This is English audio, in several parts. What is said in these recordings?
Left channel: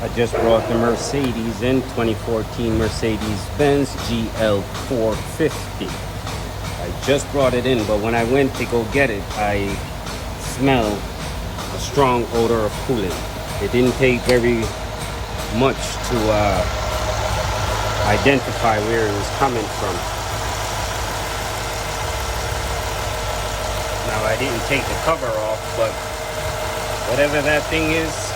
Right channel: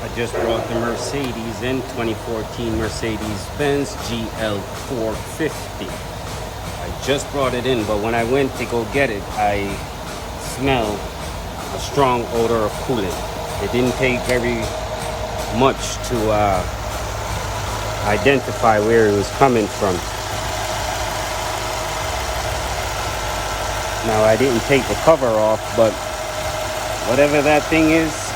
I just brought the Mercedes in, 2014 Mercedes-Benz GL 450. I just brought it in, but when I went to go get it, I smell a strong odor of coolant. It didn't take very much to identify where it was coming from. Now, I didn't take the cover off, but whatever that thing is,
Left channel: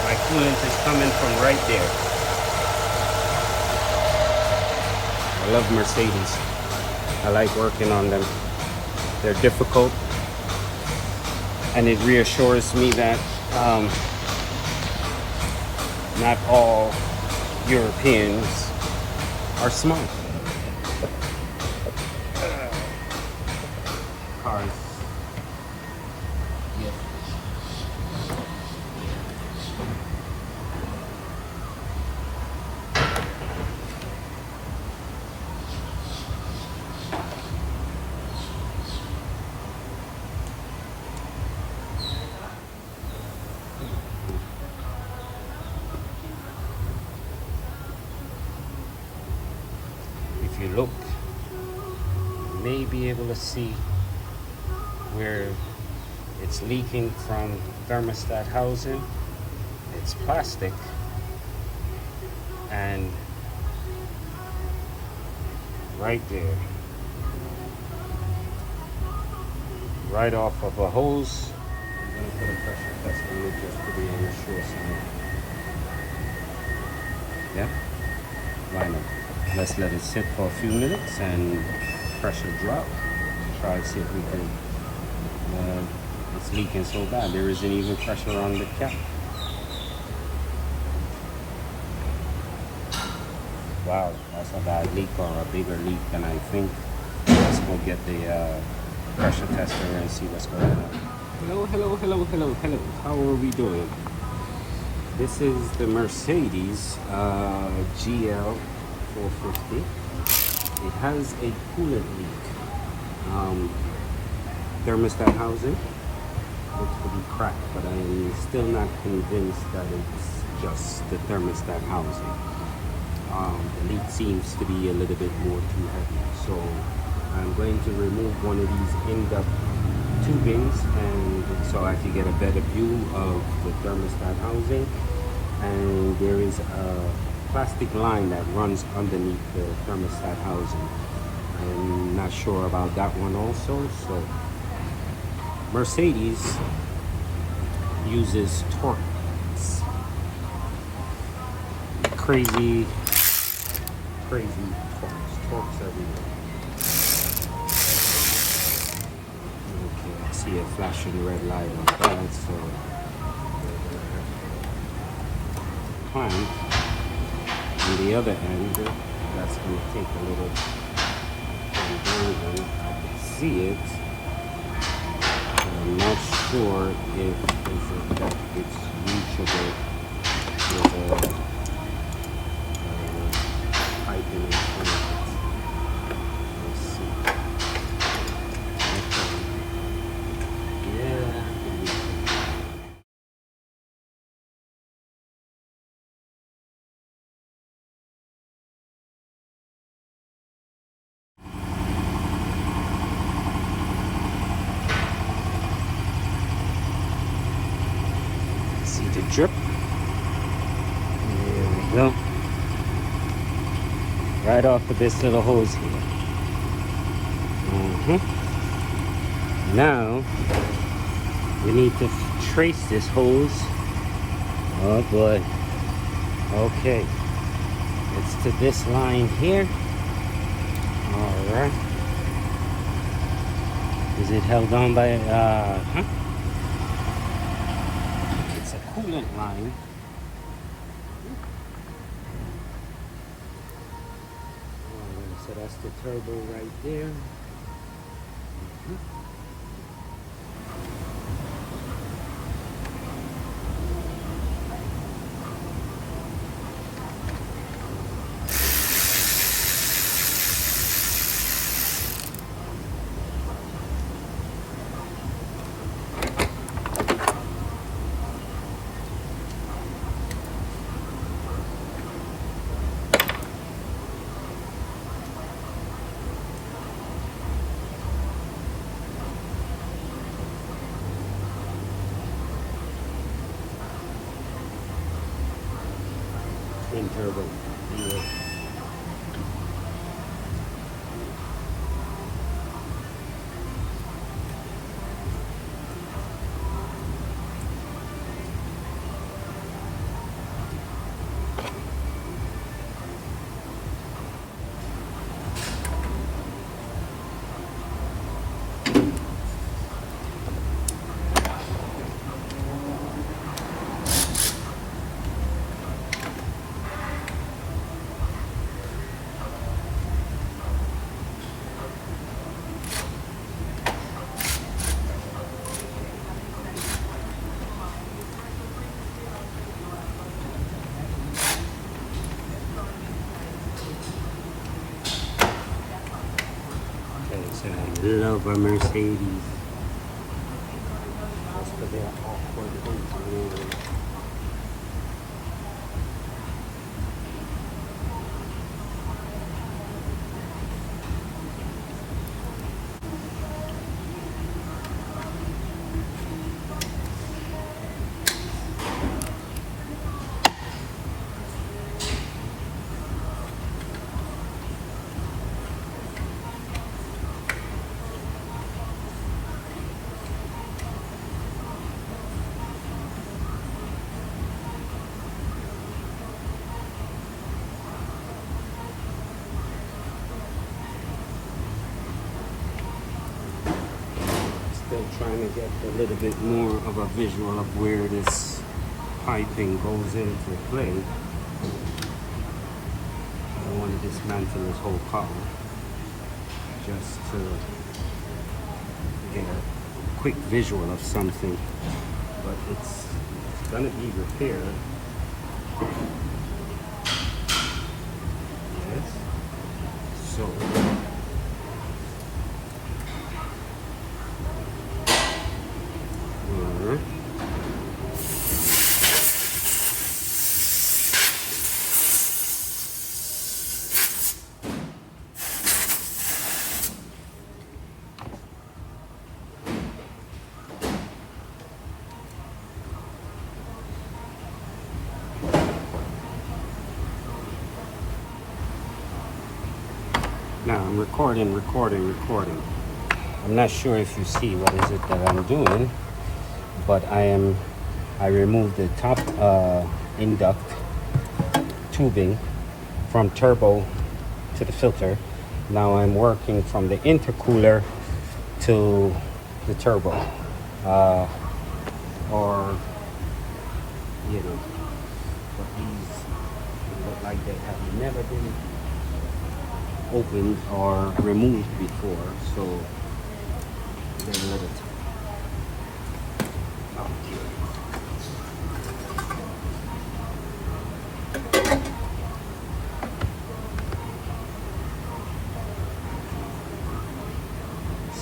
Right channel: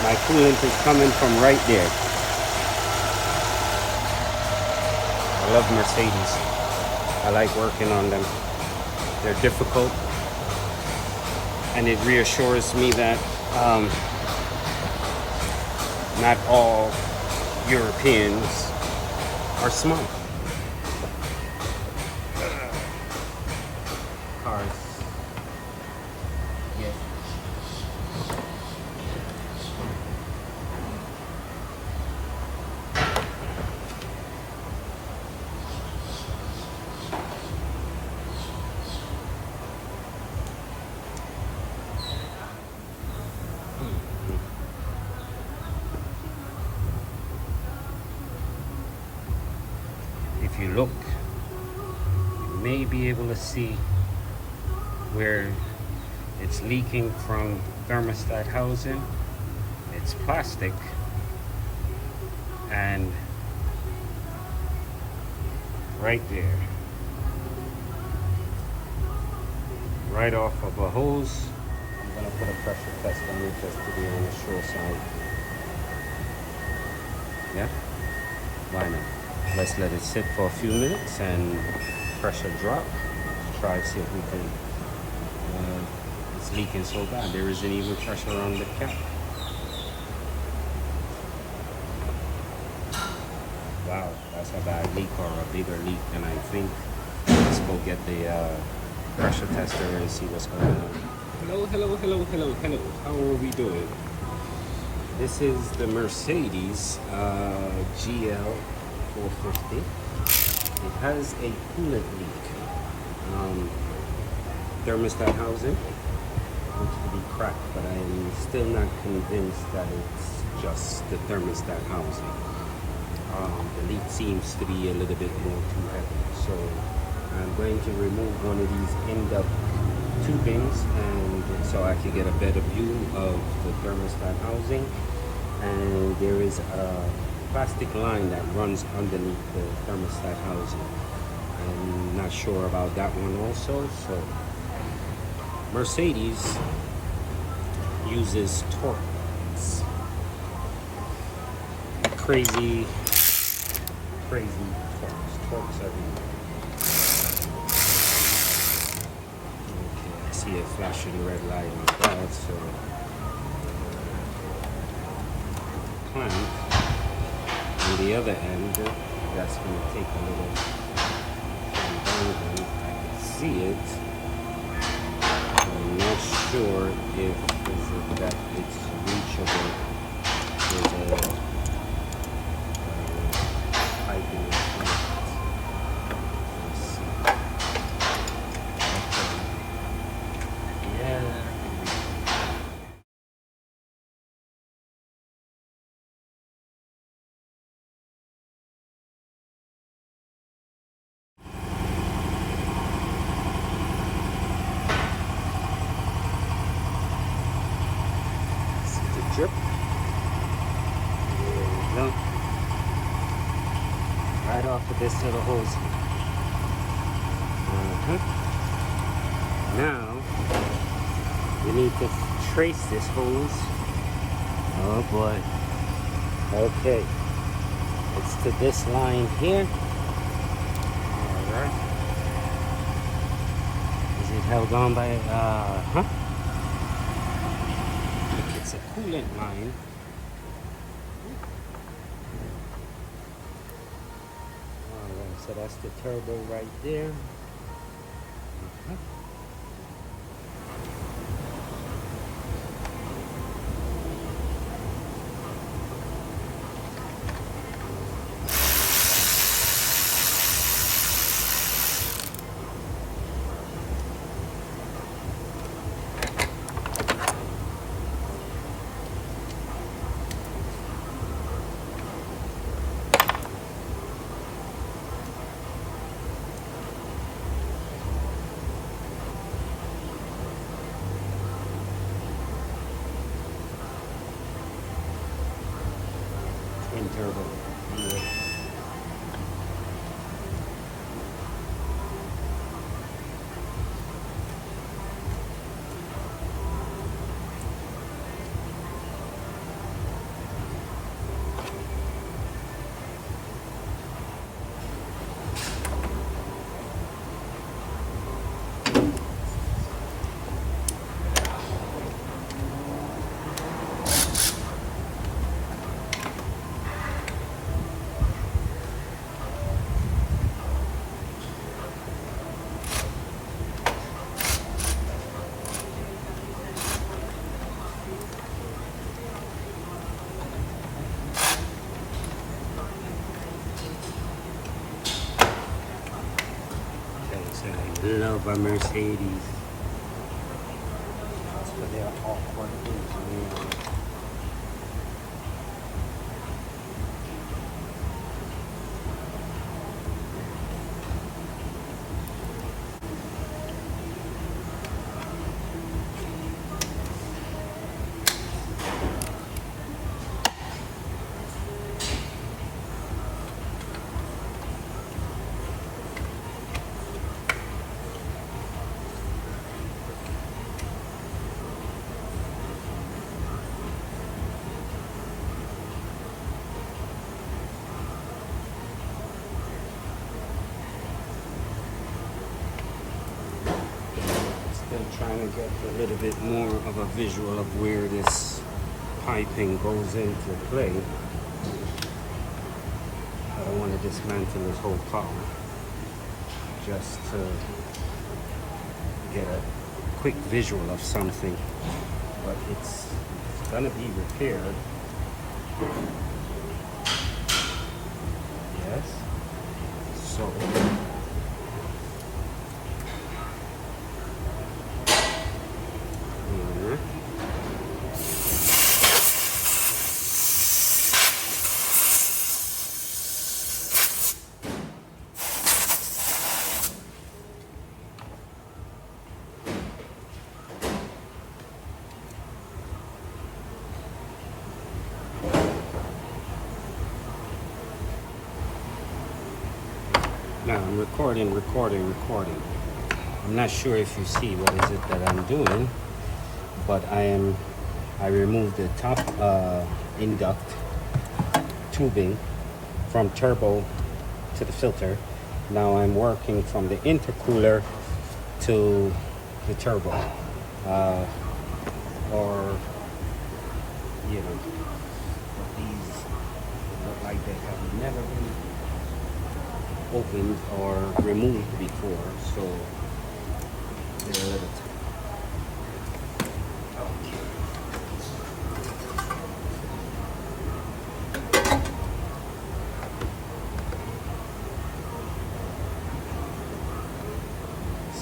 my coolant is coming from right there. I love Mercedes. I like working on them. They're difficult, and it reassures me that not all Europeans are smart. Cars. Yeah. If you look, you may be able to see where it's leaking from thermostat housing. It's plastic, and right there, right off of a hose. I'm gonna put a pressure test on it just to be on the sure side. Yeah, why not? Let's let it sit for a few minutes and pressure drop. Try to see if we can. It's leaking so bad there isn't even pressure on the cap. Wow, that's a bad leak, or a bigger leak than I think. Let's go get the pressure tester and see what's going on. Hello. How are we doing? This is the Mercedes GL 450. It has a coolant leak. Thermostat housing looks to be cracked, but I am still not convinced that it's just the thermostat housing. The leak seems to be a little bit more too heavy, so I'm going to remove one of these end-up tubings, and so I can get a better view of the thermostat housing. And there is a plastic line that runs underneath the thermostat housing. I'm not sure about that one also. So Mercedes uses torques. Crazy torques everywhere. Okay, I see a flashing red light on that, so we're gonna climb on the other end. That's gonna take a little conversion. I can see it, but I'm not sure if that it's reachable with a piping in front of it. Let's see. Okay. Yeah, I can reach it. See the drip? There we go. Right off of this little hose here. Now we need to trace this hose. Oh boy. Okay. It's to this line here. Alright. Is it held on by It's a coolant line. So that's the turbo right there. in turbo. Yeah. So I love a Mercedes. Just for their awkward engineering. Still trying to get a little bit more of a visual of where this piping goes into play. I don't want to dismantle this whole car, just to get a quick visual of something, but it's gonna be repaired. Yes. So now I'm recording. I'm not sure if you see what is it that I'm doing, but I removed the top induct tubing from turbo to the filter. Now I'm working from the intercooler to the turbo, or you know, but these look like they have never been opened or removed before, so they're a little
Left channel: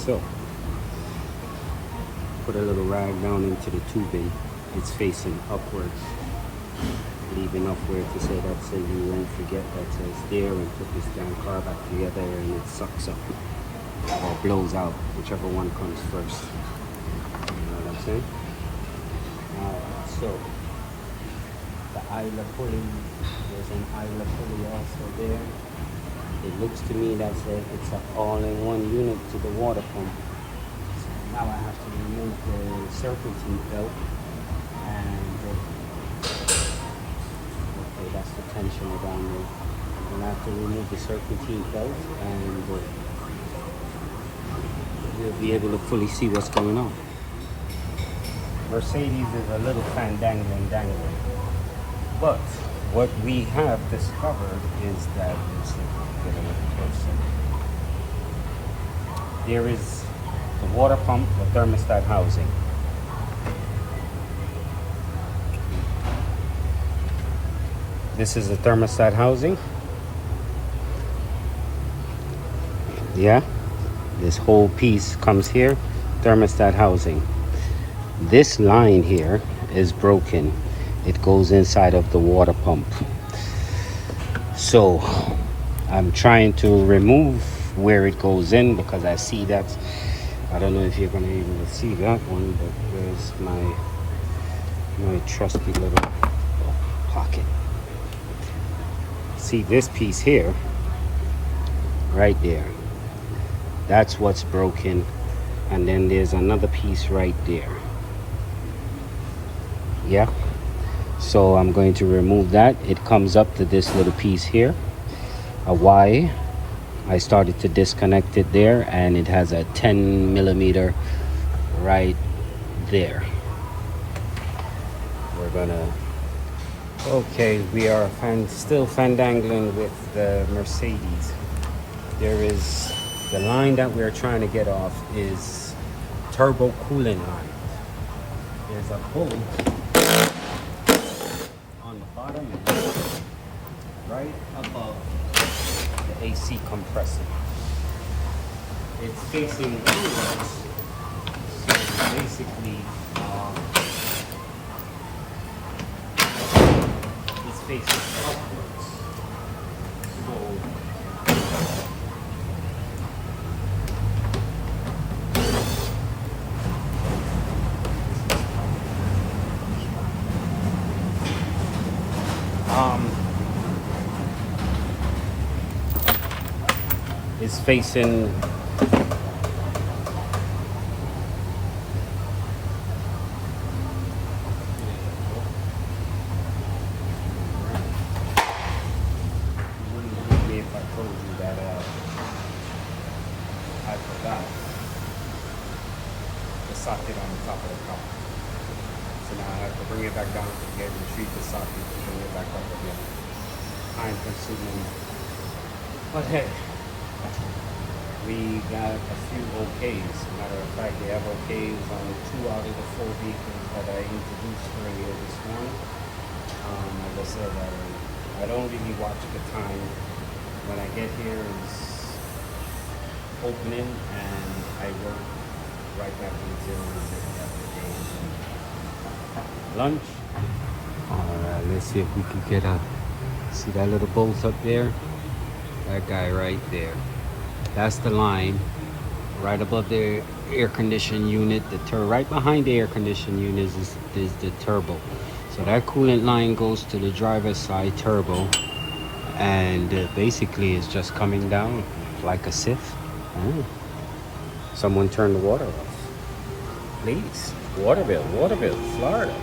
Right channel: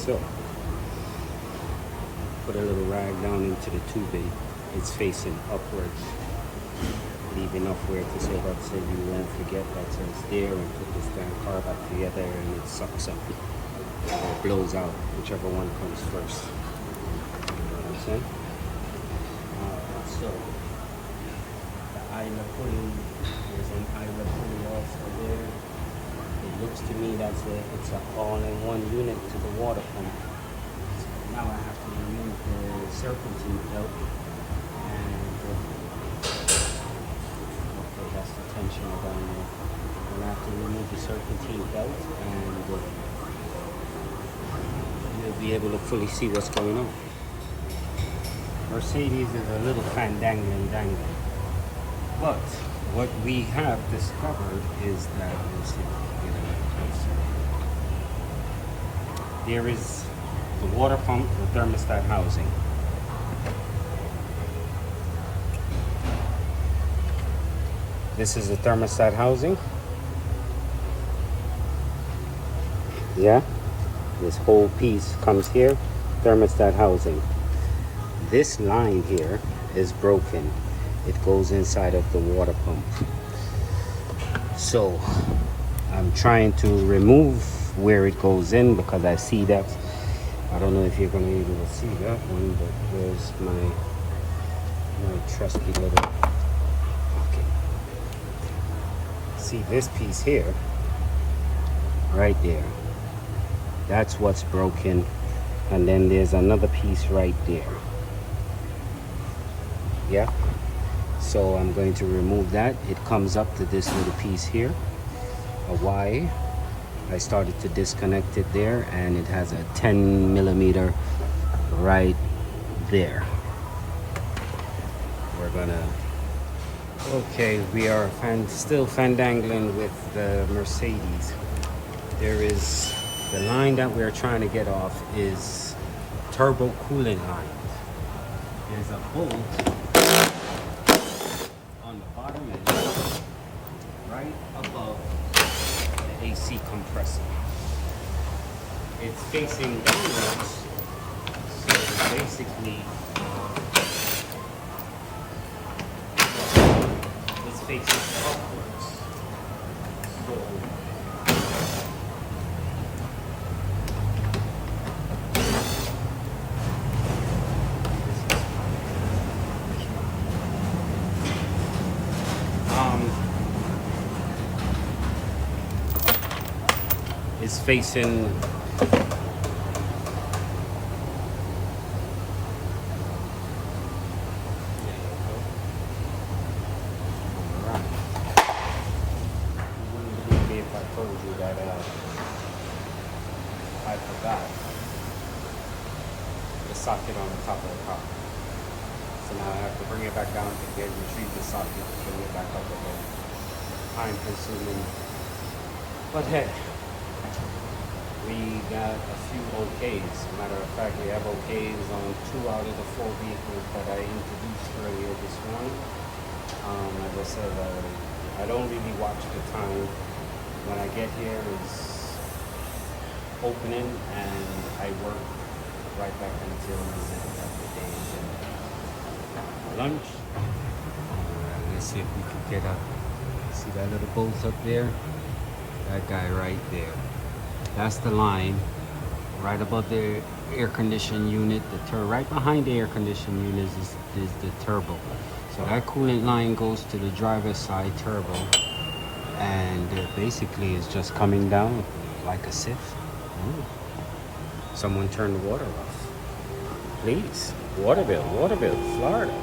so put a little rag down into the tubing. It's facing upwards, leave enough where to say that, so you won't forget that it's there, and put this damn car back together and it sucks up or blows out, whichever one comes first. You know what I'm saying? So the Isla pulley, there's an Isla pulley also there. It looks to me that it's an all-in-one unit to the water pump. So now I have to remove the serpentine belt, and okay, that's the tensioner down there. Then I have to remove the serpentine belt, and we'll be able to fully see what's going on. Mercedes is a little fandangling dangle, but what we have discovered is that, let's see, get a little closer. There is the water pump, the thermostat housing. This is the thermostat housing. Yeah, this whole piece comes here, thermostat housing. This line here is broken. It goes inside of the water pump. So I'm trying to remove where it goes in, because I see that, I don't know if you're gonna be able to see that one, but where's my trusty little pocket? See this piece here, right there, that's what's broken. And then there's another piece right there. Yeah, so I'm going to remove that. It comes up to this little piece here, a Y. I started to disconnect it there, and it has a 10 millimeter right there. We're gonna, okay, we are still fandangling with the Mercedes. There is, the line that we're trying to get off is turbo coolant line. There's a bolt on the bottom end, right above the AC compressor. It's facing downwards, so basically it's facing upwards. So it's facing if I told you that I forgot the socket on the top of the car. So now I have to bring it back down to get retrieve the socket and bring it back up again. Time consuming. But hey, we got a few OKs. Matter of fact, we have OKs on 2 out of the 4 vehicles that I introduced earlier this morning. As I said, I don't really watch the time. When I get here, it's opening, and I work right back until the day is lunch. All right, let's see if we can get see that little bolt up there? That guy right there. That's the line right above the air conditioning unit. Right behind the air conditioning unit is the turbo. So that coolant line goes to the driver's side turbo, and basically it's just coming down like a sieve. Someone turn the water off, please. Waterville, Florida.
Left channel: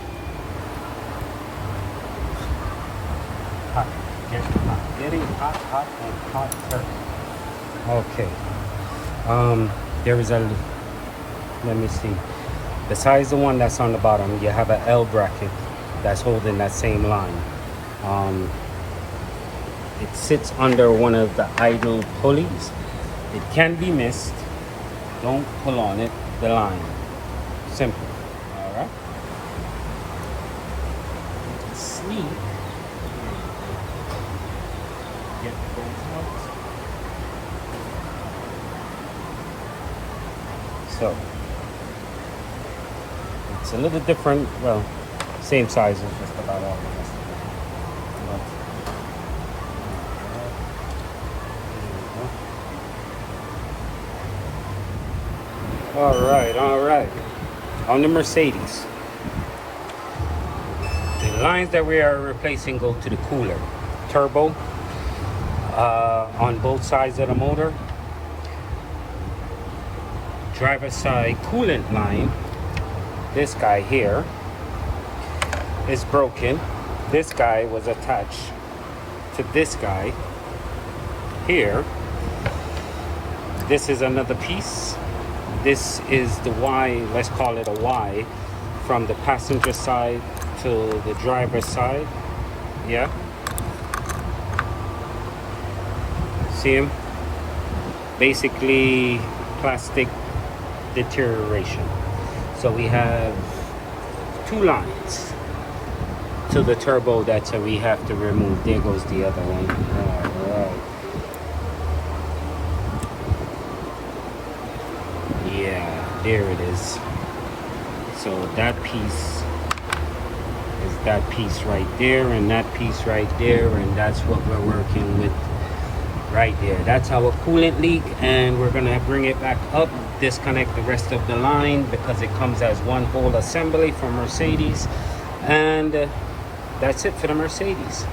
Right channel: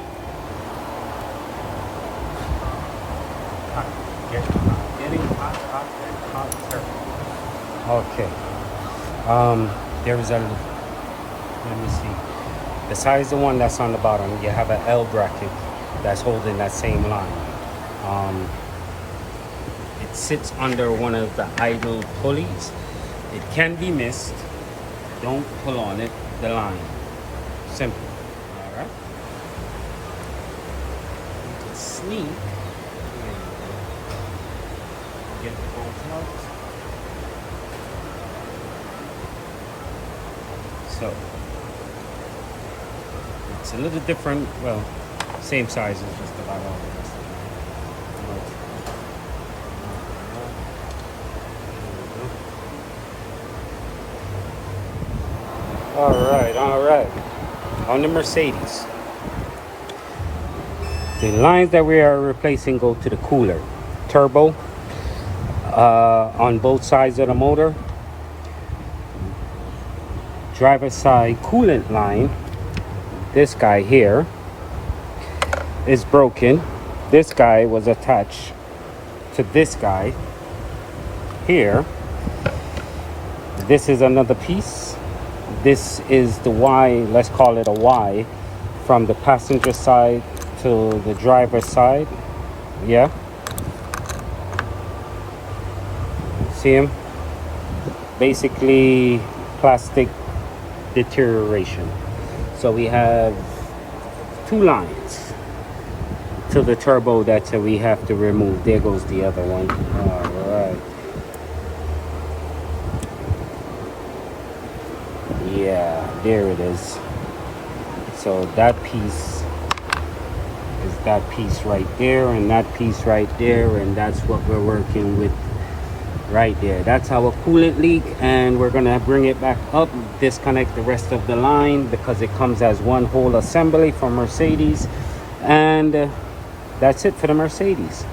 Hot, getting hot and hotter. Okay. There is a, let me see. Besides the one that's on the bottom, you have an L bracket that's holding that same line. It sits under one of the idle pulleys. It can be missed. Don't pull on it, the line. Simple. All right. You can sneak. Get the bolts out. So it's a little different. Well, same size as just about all the rest of it. But all right. On the Mercedes, the lines that we are replacing go to the cooler, turbo, on both sides of the motor. Driver's side coolant line, this guy here, is broken. This guy was attached to this guy here. This is another piece. This is the Y, let's call it a Y, from the passenger side to the driver's side. Yeah. See him? Basically plastic deterioration. So we have 2 lines to the turbo that we have to remove. There goes the other one. All right. Yeah, there it is. So that piece is that piece right there, and that piece right there, and that's what we're working with right there. That's our coolant leak, and we're gonna bring it back up, disconnect the rest of the line because it comes as one whole assembly from Mercedes, and that's it for the Mercedes.